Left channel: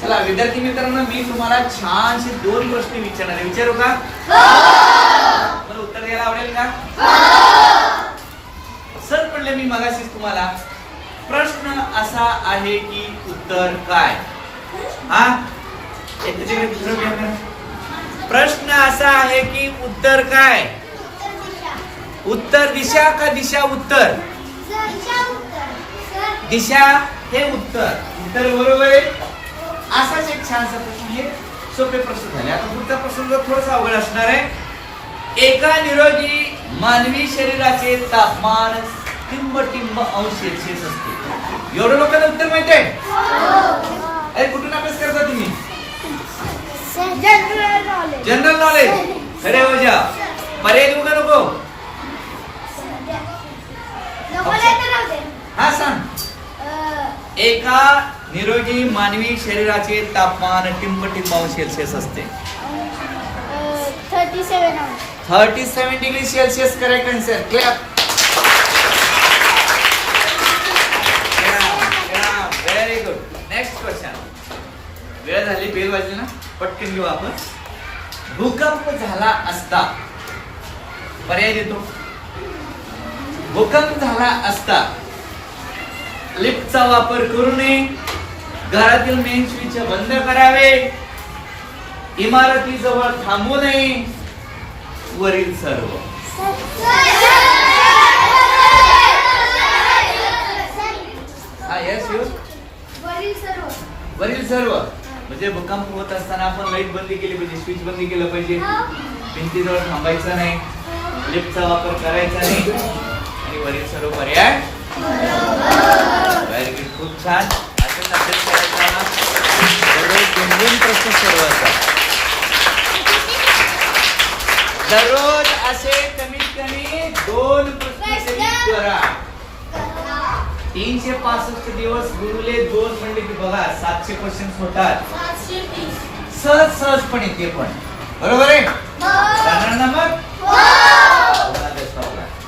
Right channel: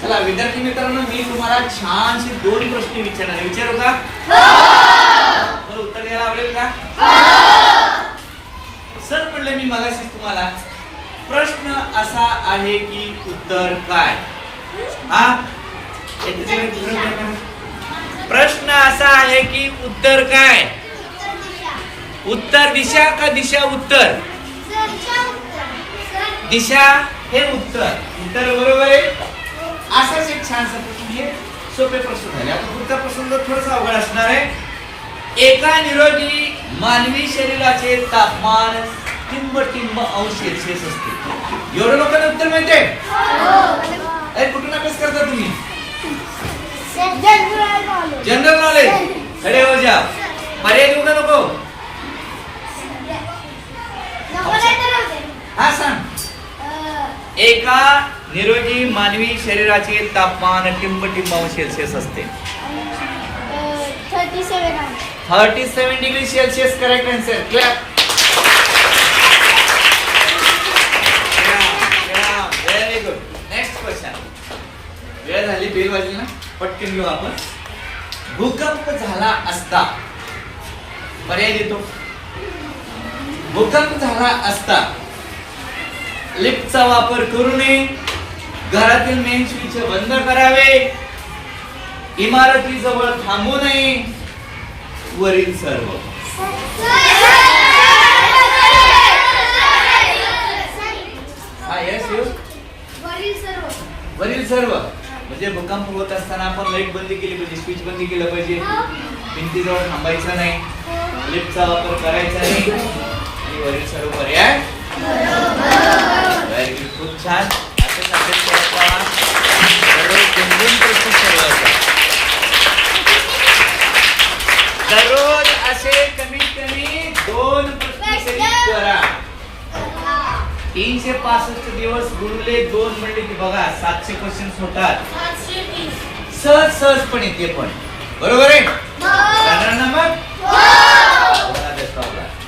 चला विद्यार्थी मित्रांनो, मी तुम्हाला छानसे 2 प्रश्न विचारणार आहे. विचारू का? मला उत्तर द्यायला आवडेल का? सर पडले मी मगाशीच तुम्हाला. प्रश्न असा आहे की उत्तर काय? हा प्रश्न असा आहे की उत्तर काय? उत्तर दिशा का दिशा उत्तर? दिशा हे उत्तर. उत्तर बरोबर आहे. असाच एक छानसा प्रश्न, हे सोपे प्रश्न झाले. आता पुढचा प्रश्न जर थोडासा अवघड असणार आहे. एका निरोगी मानवी शरीराचे तापमान टिंब अंश सेल्सिअस असते. एवढं लोकांना उत्तर माहिती आहे? अरे कुठून अभ्यास करता तुम्ही? General knowledge. खरे हो जा. पर्याय देऊ का नको? हा सांग. एका निरोगी मानवी शरीराचे तापमान टिंब अंश सेल्सिअस असते. 37 degree Celsius. Correct answer. Clap. Very good. Next question. वेळ झाली, बेल वाजली ना, पटकन घेऊ आपण. भूकंप झाला असता, पर्याय देतो. भूकंप झाला असता लिफ्टचा वापर करू नये, घरातील मेन स्विच बंद करावे, इमारतीजवळ थांबू नये, वरील सर्व. वरील सर्व म्हणजे भूकंप होत असताना आपण लाईट बंद केली पाहिजे, स्विच बंद केलं पाहिजे, भिंतीजवळ थांबायचं नाही, लिफ्टचा वापर करायचा नाही, आणि वरील सर्व पर्याय. Very good. खूप छान. असेच अभ्यास करायचा. दररोज प्रश्न सोडवायचा. दररोज असे कमीत कमी 2 प्रश्न करा. 365 दिवस गुरुले 2 म्हणजे की बघा 700 क्वेश्चन्स होतात. सहजपणे ते पण. बरोबर आहे? जाणार ना मग?